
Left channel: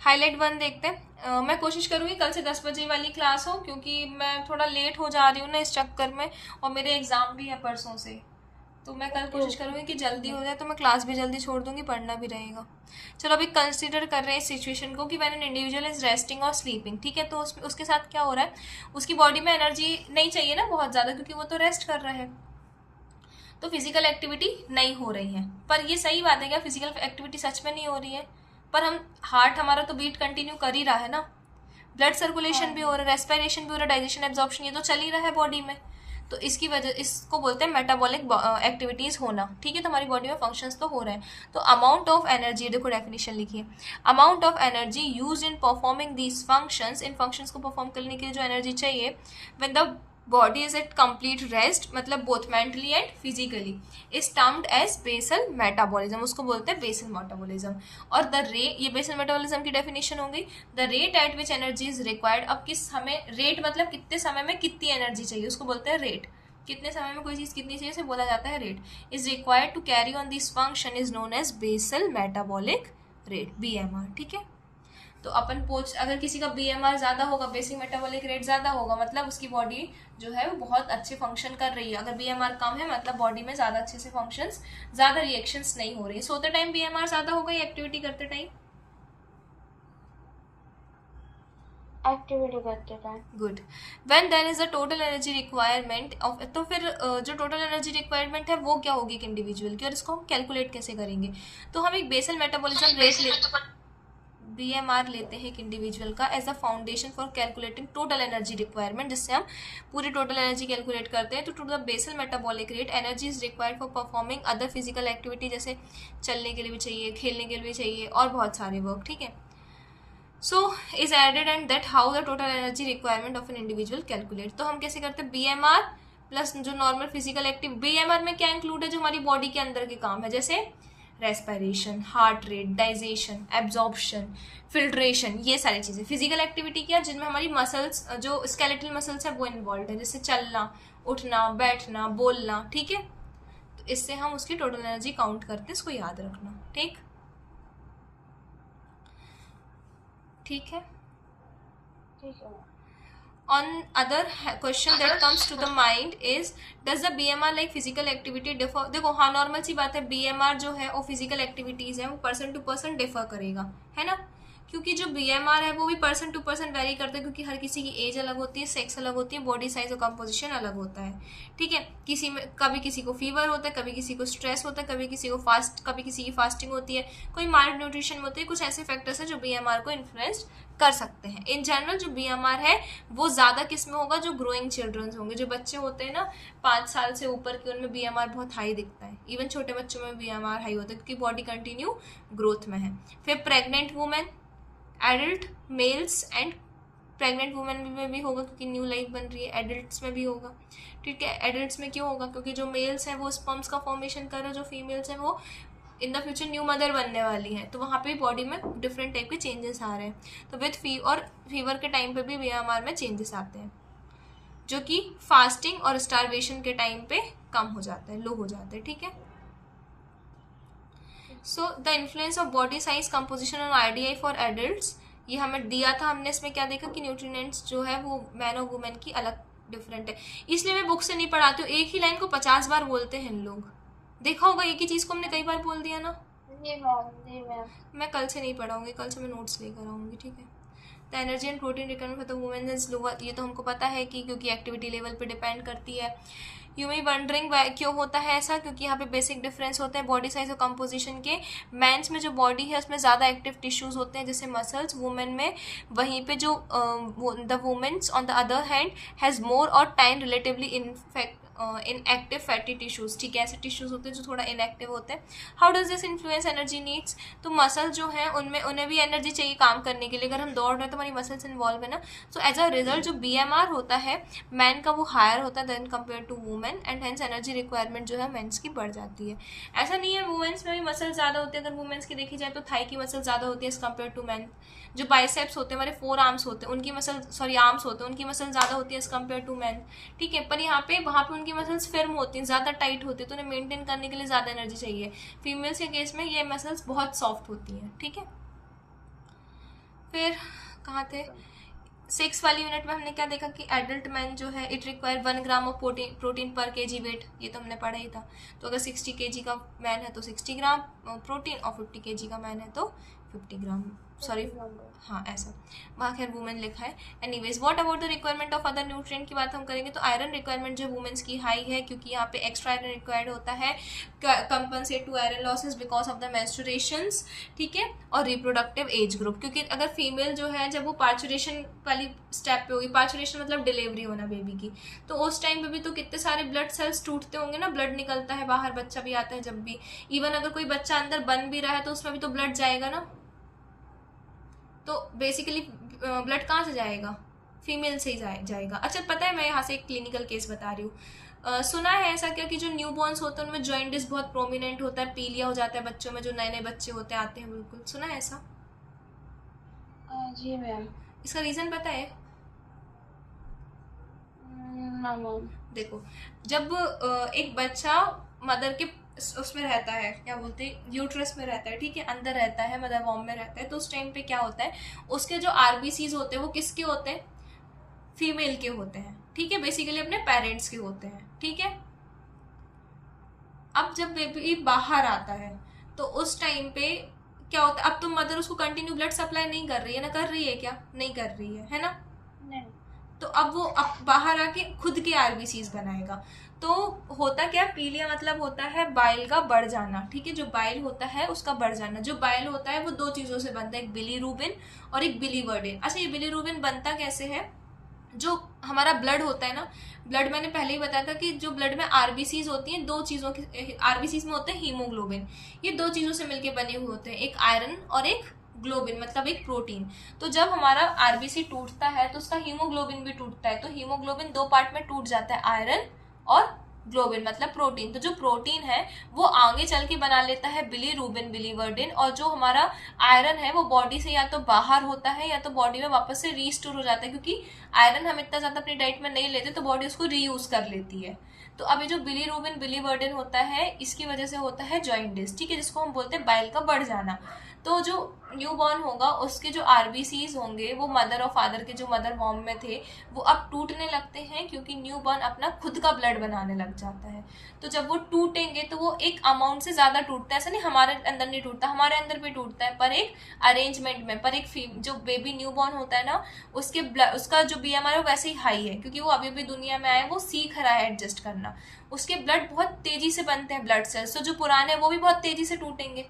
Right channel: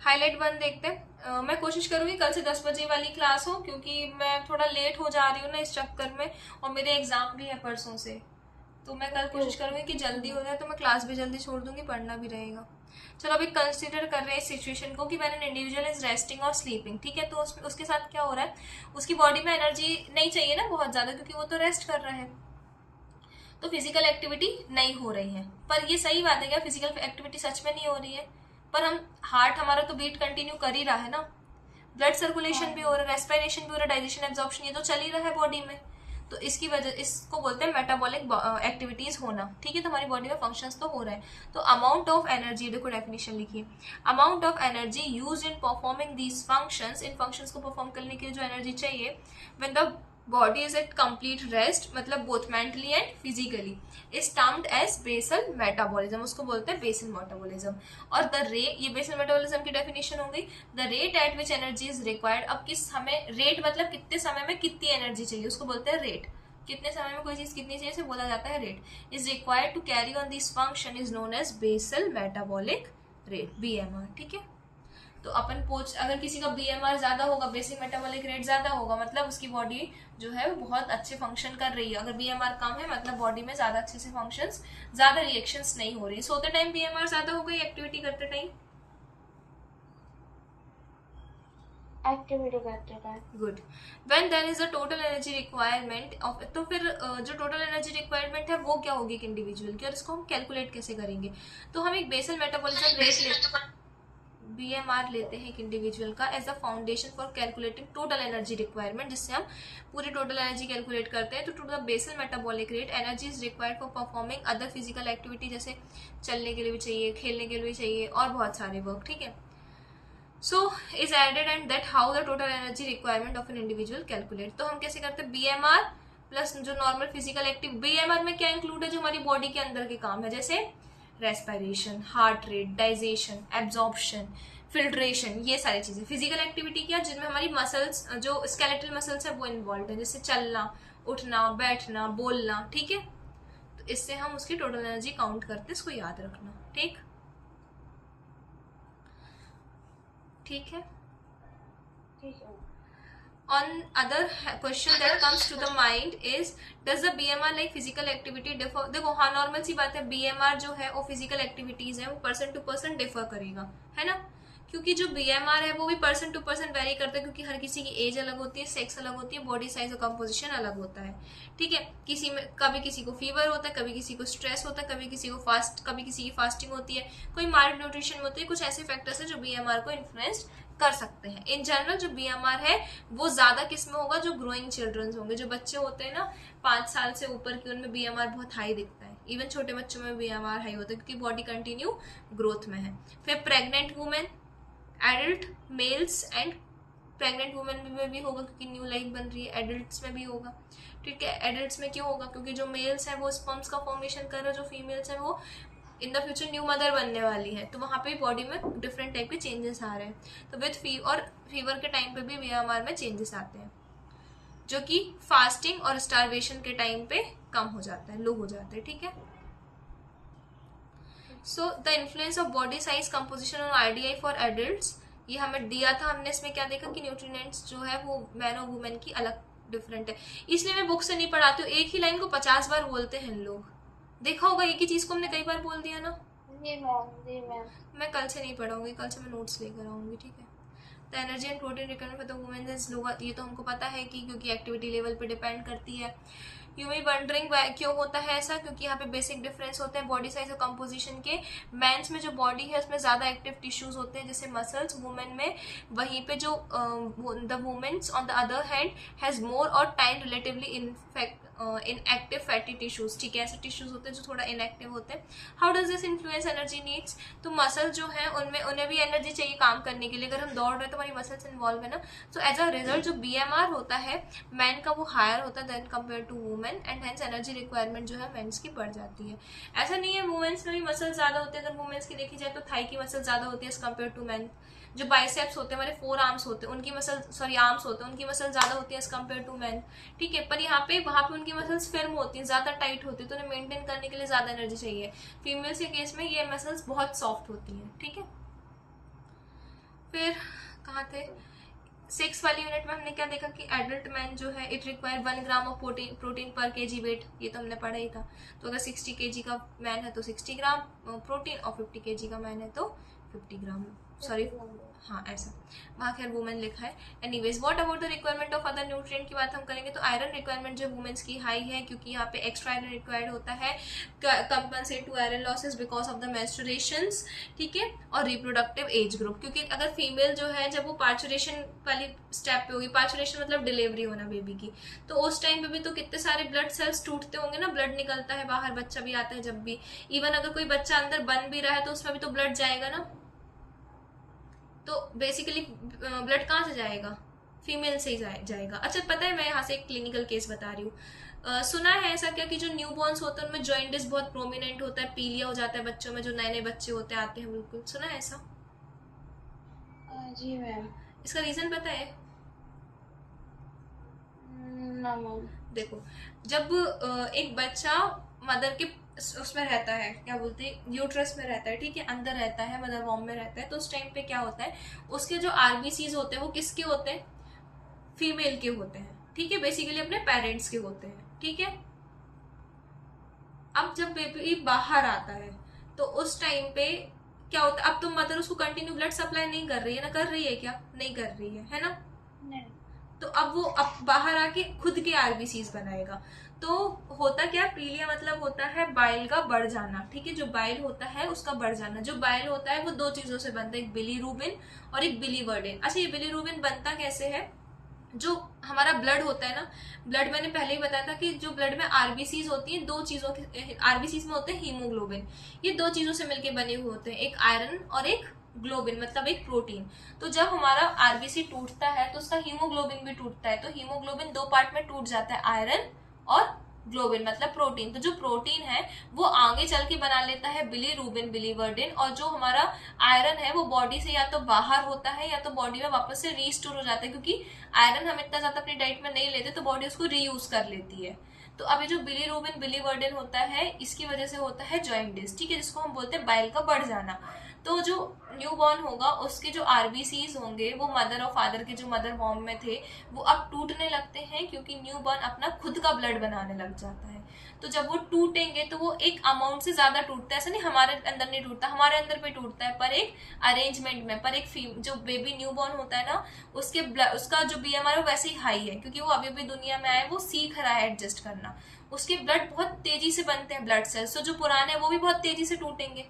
हाईलाइट 1 देखते हैं। मैं कोशिश करूंगी कल से 10 बजे वाली क्लास हो, क्योंकि मैं थोड़ा लेट हो जा रही हूँ ना इस चक्कर में, और मेरे एग्जाम भी है परसों से, तो मैं कल कोशिश करूंगी कि जल्दी हो जाए, तो मैं क्लास भी जल्दी छोड़ दूंगी, पढ़ना भी रहेगा। चलो अभी कंसिडर कर रहे हैं इस सिचुएशन को कि when an individual is resting और स्लीपिंग, ठीक है। तो उसके साथ क्या हो रहा है, उसकी बॉडी में एनर्जी नहीं चाहिए ना बहुत ज़्यादा, क्योंकि वो तो रेस्ट कर रहा है, तो फिजिकल एक्टिविटी नहीं हो रही है। पर ये सही बात है क्या, फिजिकल एक्टिविटी सच में नहीं हो रही है? पर हम हार्ट हमारा तो बीट कंटिन्यू कर ही रहा है ना, ब्लड सर्कुलेशन भी हो रहा है, रेस्पिरेशन भी हो रहा है, डाइजेशन, एब्जॉर्प्शन, ये तो चल ही रहा है बॉडी में। तो इसकी वजह, इसको बोलते हैं मेटाबॉलिक एक्टिविटीज होना, ठीक है। तो हमारी बॉडी में फंक्शंस तो हो रहे हैं। तो अमाउंट ऑफ एनर्जी, देखो डेफिनेशन लिखिए, amount of energy use in performing these functions, इन फंक्शंस को परफॉर्म करने के लिए जो एनर्जी चाहिए, when the body is at complete rest, मतलब both mentally and physically, is termed as basal metabolism, उसको बोलते हैं बेसल मेटाबॉलिज्म। और द रेट, ये बेसल मेटाबॉलिज्म की डेफिनेशन हो गई, the rate at which energy is required, अब किस समय, रेट मतलब कितने समय में कितनी एनर्जी चाहिए, उसको बोलते हैं रेट, कितने समय में कोई चीज कितनी चाहिए इसे बोला जाता है rate, is required to carry on this function is known as basal metabolic rate, BMR, ठीक है। तो अपन पूछ, अगर किसी का बीएमआर ज्यादा होगा, बेसिक मेटाबॉलिक रेट ज्यादा होगा, मतलब उसकी बॉडी जो है वो बहुत अच्छे फंक्शन कर रही है। अगर बीएमआर कम है मतलब बॉडी में ज्यादा अच्छे से फंक्शंस, ज्यादा रिएक्शंस नहीं हो रही। सोते टाइम बीएमआर ज्यादा होगा या एक्टिविटी करते टाइम? एक्टिविटी करते time. Good. When then is the total energy requirement of, तो फिर जो टोटल एनर्जी रिक्वायरमेंट है वो क्या होगी एक इंडिविजुअल की, और इसको हम कैलकुलेट कैसे करेंगे? तो हम एक बेसल मेटाबॉलिज्म रेट बीएमआर लेते हैं एक इंडिविजुअल का as a foundation for calculating total energy requirement, जिससे हम पूरी टोटल एनर्जी कैलकुलेट करते हैं। तो to the basal metabolic rate, energy is required for performing other physical activity, जैसे चलने के लिए भी चाहिए, खेलने के लिए भी चाहिए, और बहुत सारे वर्क, ठीक है। So is added and that how the total energy requirement of an individual calculate. तो हम कैसे करते हैं, बीएमआर प्लस जो नॉर्मल फिजिकल एक्टिव, बीएमआर में क्या इंक्लूड है, जो हमारी बॉडी के अंदर के काम है, जैसे respiration, heart rate, digestion, absorption, filtration, ये सारी चीजें फिजिकल एक्टिविटी क्या, जिनमें हमारी मसल्स, जो स्केलेटल मसल्स है वो इन्वॉल्व है, जैसे चलना, उठना, बैठना, बोलना, ठीक है। तो इससे हम उसकी टोटल एनर्जी काउंट करते हैं, इसको याद रखना, ठीक ठीक है। ठीक है। On other question that comes to the mind is, does the BMR like physical activity differ? देखो हाँ, नॉर्मल सी बात है, BMR जो है वो फिजिकल एक्टिविटीज है, वो पर्सन टू पर्सन डिफर करेगा, है ना, क्योंकि जो BMR है वो भी पर्सन टू पर्सन वेरी करता है, क्योंकि हर किसी की एज अलग होती है, सेक्स अलग होती है, बॉडी साइज और कंपोजिशन अलग होता है, ठीक है। किसी में कभी किसी को फीवर होता है, कभी किसी को स्ट्रेस होता है, कभी किसी को कभी किसी की फास्टिंग होती है, कोई माइल्ड न्यूट्रिशन होती है, कुछ ऐसे फैक्टर्स है जो BMR को इन्फ्लुएंस कर सकते हैं। इन जनरल जो BMR है वो ज्यादा किस में होगा, जो ग्रोइंग चिल्ड्रंस होंगे, जो बच्चे होते हैं ना 5 साल से ऊपर के, उनमें BMR बहुत हाई दिखता है। इवन छोटे बच्चों में BMR हाई होता है क्योंकि बॉडी कंटिन्यू ग्रोथ में है। फिर pregnant women, adult mails and pregnant women में भी होगा क्योंकि न्यू लाइफ बन रही है, एडल्ट्स में भी होगा, ठीक है। एडल्ट्स में क्यों होगा, क्योंकि जो मेल्स हैं वो स्पर्म्स का फॉर्मेशन कर रहे हैं, जो फीमेल्स हैं वो in the future new mother बनने वाली है, तो वहाँ पे बॉडी में डिफरेंट टाइप के चेंजेस आ रहे हैं। तो विथ फीवर के टाइम पे भी BMR में चेंजेस आते हैं, जो कि फास्टिंग और स्टारवेशन के टाइम पे कम हो जाता है, लो हो जाता है, ठीक है। So the influence of body size composition और IDI फॉर एडल्ट्स, ये हमें दिया था, हमने इसमें क्या देखा कि न्यूट्रिएंट्स जो है वो मैन और वुमेन की अलग डिफरेंट है, इसलिए मैं बुक से नहीं पढ़ाती हूँ। एक ही लाइन को 50 बार बोलते हैं लोग, देखा होगा एक ही चीज को हमने कई बार बोल दिया ना। जी मैम। मैं कल से नहीं पढ़ाऊंगी, कल से मैं नोट्स लेकर आऊंगी, ठीक है। The energy and protein requirement for the women is lower, ये तो हमको पता है कि क्योंकि एक्टिविटी लेवल पे डिपेंड करती है। यू मे वंडरिंग क्यों होता है ऐसा, क्योंकि यहाँ पे बेसिक डिफरेंस होते हैं बॉडी साइज और कंपोजिशन के। मेंस में जो बॉडी है उसमें ज़्यादा एक्टिव टिश्यूज होते हैं जैसे मसल्स, वुमेन में वहीं पे जो the womens on the other hand has more or time relatively inactive fatty tissues, ठीक है। ऐसे टिश्यूज होते हैं जो थोड़ा इनएक्टिव होते हैं। How does this influence energy needs, तो मसल जो है उनमें उन्हें भी एनर्जी चाहिए काम करने के लिए। अगर हम दौड़ रहे हैं तो हमारी मसल्स इन्वॉल्व है ना, सो एज अ रिजल्ट जो BMR होता है मैन का वो हायर होता है then compare to women, and hence energy requirement जो है मेंस की बढ़ जाती है। ऐसा नहीं है वुमेन्स में भी मसल ज़्यादा होती है, अगर वुमेन्स की देखी जाए तो थाई की मसल ज़्यादा होती है एज कम्पेयर टू मैन। जो बाइसेप्स होते हैं, हमारे 4 आर्म्स होते हैं, उनकी मसल आर्म्स होते हैं, उनकी मसल ज़्यादा होती है एज कम्पेयर टू मैन, ठीक है। पर यहाँ पे वहाँ पे उनकी मसल्स फिर्म होती हैं, ज़्यादा टाइट होती है, तो उन्हें मेंटेन करने के लिए ज़्यादा एनर्जी चाहिए। फीमेल्स के केस में ये मसल्स बहुत सॉफ्ट होती हैं, ठीक है। फिर कहाँ थे, 6 वाली यूनिट में हमने क्या देखा कि एडल्ट मैन जो है it require 1 gram of protein पर kg वेट, ये तो हमने पढ़ा ही था। तो अगर 60 kg का मैन है तो 60 ग्राम प्रोटीन और 50 kg का मैन है तो 50 ग्राम, सॉरी, हाँ ऐसा, वहाँ खैर वुमेन लिखा है। Anyways, what about the requirement of other nutrient की बात हम करेंगे तो आयरन रिक्वायरमेंट जो वुमेन्स की हाई है, क्योंकि यहाँ पे एक्स्ट्रा आयरन रिक्वायर्ड होता है, compensate to iron losses because of the menstruations, ठीक है, और रिप्रोडक्टिव एज ग्रुप, क्योंकि अगर फीमेल जो है जब वो पार्चुरेशन वाली स्टेप पे होगी, पार्चुरेशन मतलब डिलीवरी होना बेबी की, तो उस टाइम पे भी तो कितने सारे ब्लड सेल्स टूटते होंगे ना, ब्लड निकलता है बाहर, बच्चा भी आता है जब भी, इवन अगर कोई बच्चा अंदर बन भी रहा है तो उसमें भी तो ब्लड जाएगा ना, तो बेसिकली ब्लड कहाँ से जाएगा, फीमेल से ही जाएगा। अच्छा पता है, मैं यहाँ से एक क्लिनिकल केस बता रही हूँ, सुना है ऐसा क्या कि जो न्यू बॉर्न्स होते हैं उनमें जॉइंटिस बहुत प्रोमिनेंट होता है, पीलिया हो जाता है बच्चों में, जो नए नए बच्चे होते आते हैं, बिल्कुल सुना है ऐसा? जी मैम। इसका रीजन पता है? No ma'am. देखो, जब एक बच्चा मदर के उसमें रहता है, क्या बोलते हैं, यूट्रस में रहता है, ठीक है, अंदर रहता है, मदर वॉर्म में रहता है, तो उस टाइम पे क्या होता है, उसके जो आरबीसीज होते हैं वो किसके होते हैं, फीमेल के होते हैं, ठीक है, बेसिकली अपने पेरेंट्स के होते हैं, ठीक है। अब जब बेबी बाहर आता है तो उस टाइम पे क्या होता है, अब तो मदर उसको कंटिन्यू ब्लड सप्लाई नहीं कर रही है ना, कर रही है क्या, नहीं कर रही है ना, नहीं। तो अब वो अब बाहर आके खुद के आरबीसीज बनाएगा, तो होता क्या, पीलिया मतलब होता है बाइल का बढ़ जाना, ठीक है, जो बाइल होता है उसका बढ़ जाना, जो बाइल होता है वो दो चीजों से बनता है, एक बिलीरुबिन और एक बिलीवर्डिन। अच्छा, ये बिलीरुबिन बनता कैसे है, जो हमारा ब्लड होता है ना, ब्लड मैंने पहले ही बताया था कि जो ब्लड में आरबीसीज होती हैं, दो चीजों की, आरबीसीज में होते हैं हीमोग्लोबिन, ये दो चीजों से मिलकर बने हुए होते हैं, एक आयरन और एक ग्लोबिन, मतलब एक प्रोटीन। तो जब हमारा आरबीसी टूटता है तो उसका हीमोग्लोबिन भी टूटता है, तो हीमोग्लोबिन दो पार्ट में टूट जाता है, आयरन और ग्लोबिन मतलब प्रोटीन। तो जो प्रोटीन है वो आगे चल के बना लेता है बिलीरुबिन, बिलीवर्डिन, और जो हमारा आयरन है वो बॉडी से या तो बाहर होता है या तो बॉडी में वापस से रीस्टोर हो जाता है, क्योंकि आयरन हम इतना ज्यादा अपनी डाइट में नहीं लेते तो बॉडी उसको रीयूज कर लेती है। तो अभी जो बिलीरुबिन, बिलीवर्डिन होता है, इसकी वजह से होता है जॉइंटिस, ठीक है, जिसको हम बोलते हैं बाइल का बढ़ जाना। तो जो न्यू बॉर्न होगा उसके जो आरबीसीज होंगे वो मदर और फादर के जो मदर वॉर्म में थे वो अब टूटने लगते हैं, क्योंकि न्यू बॉर्न अपना खुद का ब्लड बनाने लग जाता है। तो जब वो टूटेंगे तो वो एक अमाउंट से ज्यादा टूटता है, ऐसा नहीं हमारे अंदर नहीं टूटता, हमारे अंदर भी टूटता है, पर एक अरेंजमेंट में, पर एक जो बेबी न्यू बॉर्न होता है ना, उसका जो बीएमआर है वैसे ही हाई है, क्योंकि वो अभी अभी दुनिया में आया, वो सीख रहा है एडजस्ट करना, उसके ब्लड बहुत तेजी से बनते हैं ब्लड सेल्स, तो जो पुराने वो भी बहुत तेजी से टूटेंगे,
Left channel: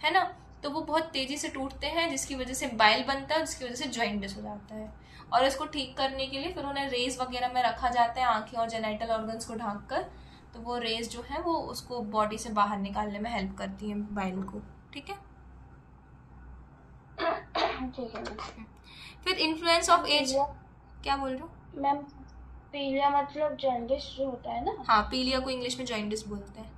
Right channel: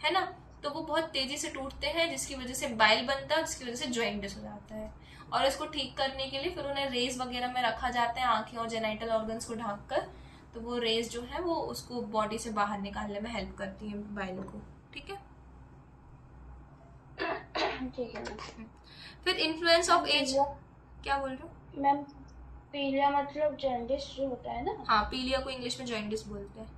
है ना, तो वो बहुत तेजी से टूटते हैं, जिसकी वजह से बाइल बनता है, जिसकी वजह से जॉइंटिस हो जाता है। और इसको ठीक करने के लिए फिर उन्हें रेज वगैरह में रखा जाता है, आंखें और जेनाइटल ऑर्गन्स को ढांक कर, तो वो रेज जो है वो उसको बॉडी से बाहर निकालने में हेल्प करती है बाइल को, ठीक है। ठीक है मैम। फिर इन्फ्लुएंस ऑफ एज, क्या बोल रहे हो मैम? पीलिया मतलब जॉन्डिस जो होता है ना? हाँ, पीलिया को इंग्लिश में जॉइंटिस बोलते हैं,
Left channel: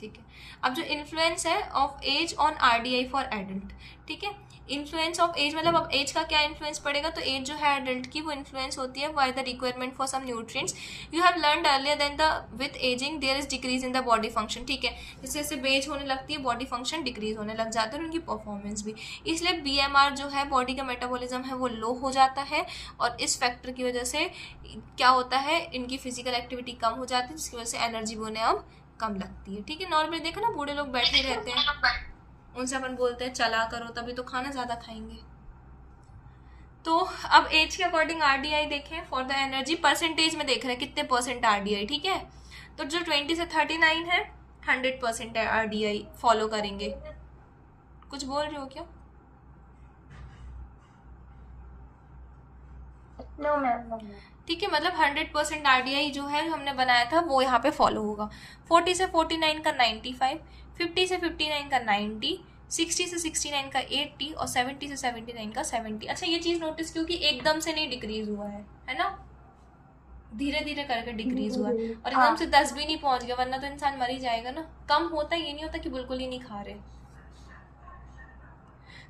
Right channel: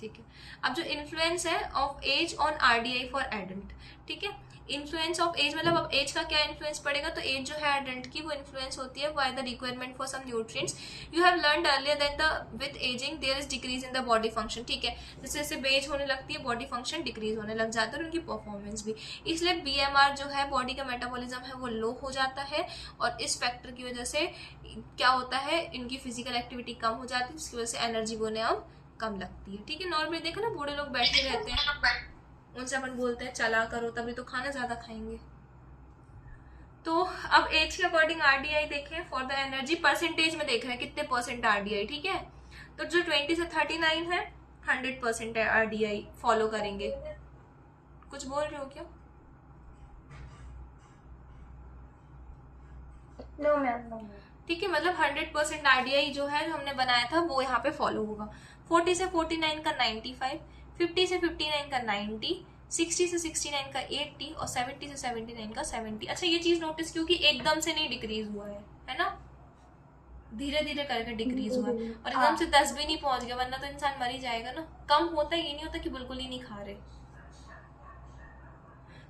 ठीक है। अब जो इन्फ्लुएंस है of age on RDI for adult, ठीक है, इन्फ्लुएंस ऑफ एज मतलब अब एज का क्या इन्फ्लुएंस पड़ेगा, तो एज जो है एडल्ट की वो इन्फ्लुएंस होती है by the requirement for some nutrients you have learned earlier then the with ageing there is decrease in the body function, ठीक है, जैसे जैसे एज होने लगती है बॉडी फंक्शन डिक्रीज होने लग जाता है और उनकी परफॉर्मेंस भी, इसलिए बीएमआर जो है बॉडी का मेटाबॉलिज्म है वो लो हो जाता है, और इस फैक्टर की वजह से क्या होता है, इनकी फिजिकल एक्टिविटी कम हो जाती है, जिसकी वजह से एनर्जी वो उन्हें अब कम लगती है, ठीक है। नॉर्मली देखो ना, बूढ़े लोग बैठे रहते हैं, उनसे अपन बोलते हैं चला करो, तभी तो खाना ज्यादा खाएंगे। तो अब एज के अकॉर्डिंग आरडीआई देखें, फॉर द एनर्जी परसेंटेज में देख रहे हैं कितने परसेंट आरडीआई, ठीक है, तो जो 20 से 39 है 100% है आरडीआई फॉलो करेंगे। कुछ बोल रहे हो क्या? No ma'am. ठीक है, मतलब 100% आरडीआई जो है जो हमने बनाया था वो यहाँ पे फॉलो होगा। 40 से 49 का 95, 50 से 59 का 90, 60 से 69 का 80 और 70 से 79 का 70। अच्छा, ये चीज नोटिस क्योंकि एकदम से नहीं डिक्रीज हुआ है ना, धीरे धीरे करके डिक्रीज हुआ, और एकदम से 10 भी नहीं पहुंच गया, वरना तो इंसान मर ही जाएगा ना। कम होता ये नहीं होता कि बिल्कुल ही नहीं खा रहे।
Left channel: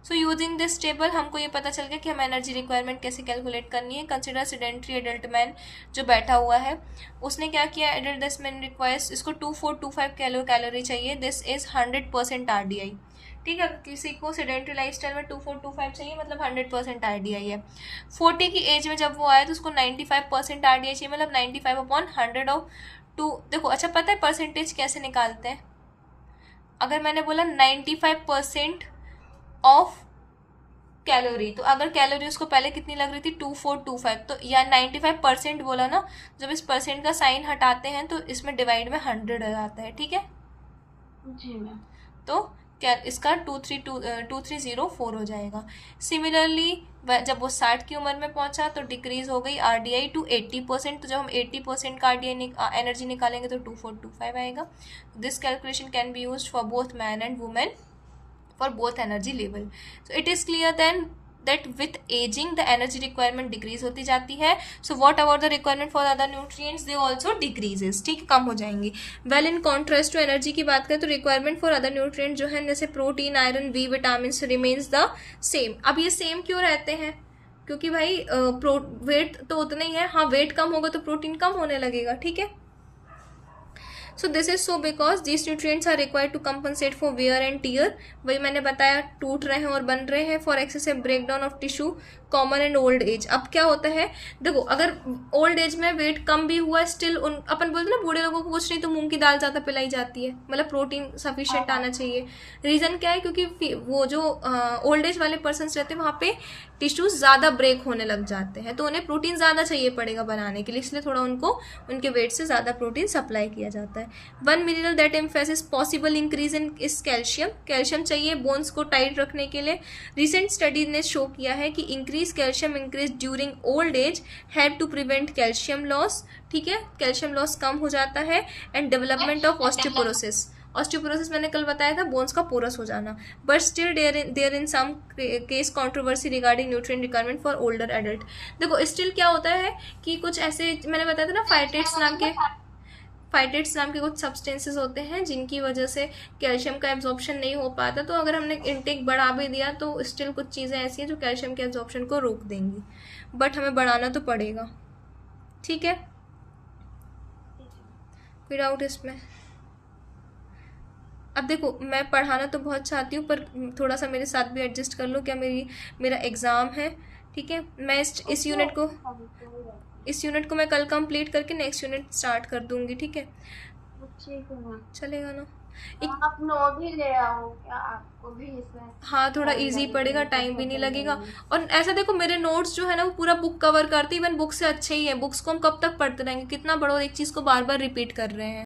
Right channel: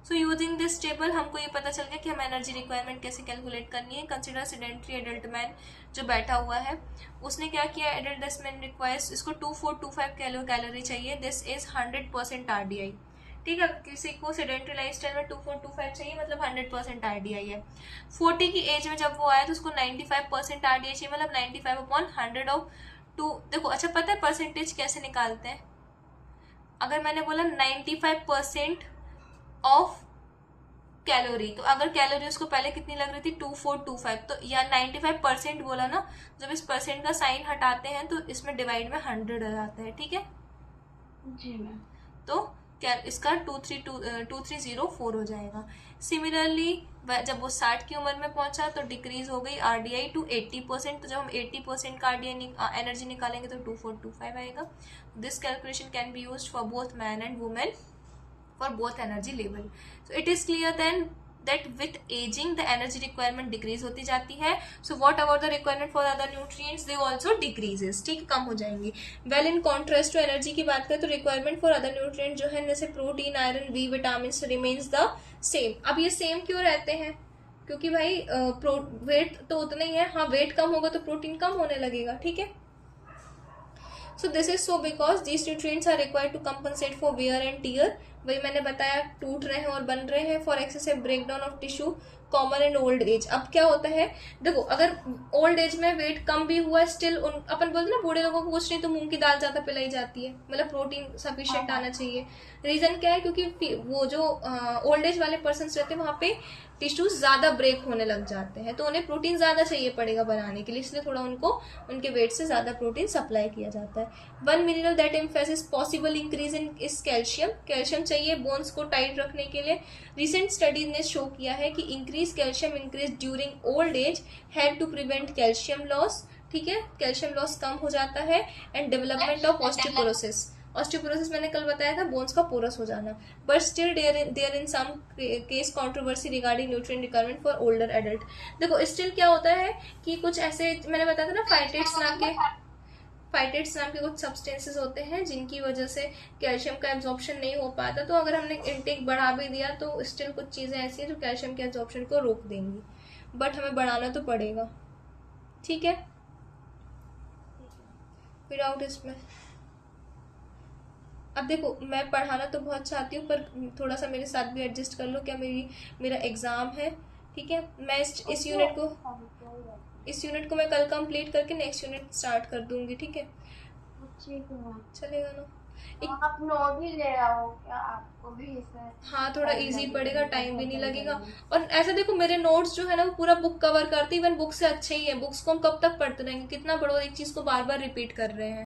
सो यूजिंग दिस टेबल हमको ये पता चल गया कि हम एनर्जी रिक्वायरमेंट कैसे कैलकुलेट करनी है। कंसिडर सेडेंट्री एडल्ट मैन जो बैठा हुआ है, उसने क्या किया, एडल्ट दिस मैन रिक्वायर्स, इसको 2425 कैलोरी चाहिए, दिस इज 100% आरडीआई, ठीक है। किसी को सेडेंट्री लाइफस्टाइल में 2425 चाहिए, मतलब 100% आरडीआई है। 40 की एज में जब वो आया तो उसको 95% आरडीआई चाहिए, मतलब 95/100 ऑफ 2। देखो, अच्छा पता है परसेंटेज कैसे निकालते हैं, अगर मैंने बोला 95% ऑफ कैलोरी, तो अगर कैलोरी उसको पहले कितनी लग रही थी 2425, तो या 95% बोला ना, जब इस परसेंट का साइन हटाते हैं तो इसमें डिवाइड में 100 आ जाता है, ठीक है। जी मैम। तो क्या इसका 2304 हो जाएगा। सिमिलरली जब वो 60 की उम्र में पहुंचा तो डिक्रीज हो गई आरडीआई टू 80%, तो जब हम 80% का आरडीआई एनर्जी निकालेंगे तो 2425 आएगा। This calculation can be used for both man and women for both energy level. So it is clear then that with aging the energy requirement decrease होती जाती है. So what about the requirement for other nutrients? They also decreases, ठीक है, कम हो जाएंगी. Well in contrast to energy की बात करें तो requirement for other nutrients जो है जैसे protein, iron, B vitamin remains the same. अब ये सेम क्यों रहते हैं? क्योंकि भाई वेट तो उतना ही है, हाँ वेट कम होगा तो प्रोटीन कम होने लगेगा, ठीक है। So this is so because these nutrients are required to compensate for wear and tear. वही मैंने बताया, टूट रहे हैं और बन रहे हैं, for excessive breakdown of tissue common in old age. अब क्या होता है, देखो अगर ओल्ड एज में वेट कम भी हुआ स्टिल अपन बोलते ना बूढ़े लोगों को कुछ नहीं तो मूंग की दाल ज्यादा पिलाई जाती है, मतलब प्रोटीन सफिशिएंट आना चाहिए। रीजन क्या है, क्योंकि वो जो ओल्ड एज वाले पर्सन रहते हैं वहां पे टिश्यूज ज्यादा ब्रेक होने लग जाते हैं, तो उन्हें प्रोटीन ज्यादा चाहिए पड़ेगा बनाने के लिए, इसलिए थोड़ा उनको उनके वेट से ज्यादा प्रोटीन सप्लाई किया जाता है। One mineral that emphasis possible increase in इस कैल्शियम। कैल्शियम चाहिए बोन्स को टाइट रखने के लिए। रिसेंट स्टडी ने शो किया है कि increase calcium increase during old age help to prevent calcium loss, ठीक है, कैल्शियम लॉस कम हो जाता है। And development of osteoporosis. Osteoporosis मैंने कल बताया था, बोन्स का पोरस हो जाना। But still there in some case controversy regarding nutrient requirement for older adult. देखो स्टिल क्या होता है कि कुछ ऐसे मैंने बताया था ना, फाइटेट्स नाम के कुछ सब्सटेंसेस होते हैं जिनकी वजह से कैल्शियम का एब्जॉर्प्शन नहीं हो पाता, तो अगर हमने इंटेक बढ़ा भी दिया तो स्टिल कुछ चीज़ें ऐसी हैं जो कैल्शियम के एब्जॉर्प्शन को रोक देंगी, बट हमें बढ़ाना तो पड़ेगा, ठीक है। कोई डाउट इसमें? अब देखो मैं पढ़ाना तो बहुत चाहती हूँ, पर थोड़ा सा मेरे साथ भी एडजस्ट कर लो, क्या मेरा एग्ज़ाम है, ठीक है। मैं इस यूनिट को मैं कल कंप्लीट करके नेक्स्ट यूनिट स्टार्ट कर दूंगी, ठीक है। चलेगा ना? आप नोट भी ले आओ क्या, आपको भी इसमें हाँ थोड़ा इजी पड़ेगा, टाइम भी नहीं लगेगा। और ऐसा देखो मेरे नोट्स जो है ना वो पूरा बुक कवर करते, इवन बुक से अच्छे ही है। बुक्स को हम कब तक पढ़ते रहेंगे, कितना बड़ा एक चीज़ को बार बार रिपीट कर रहे हैं।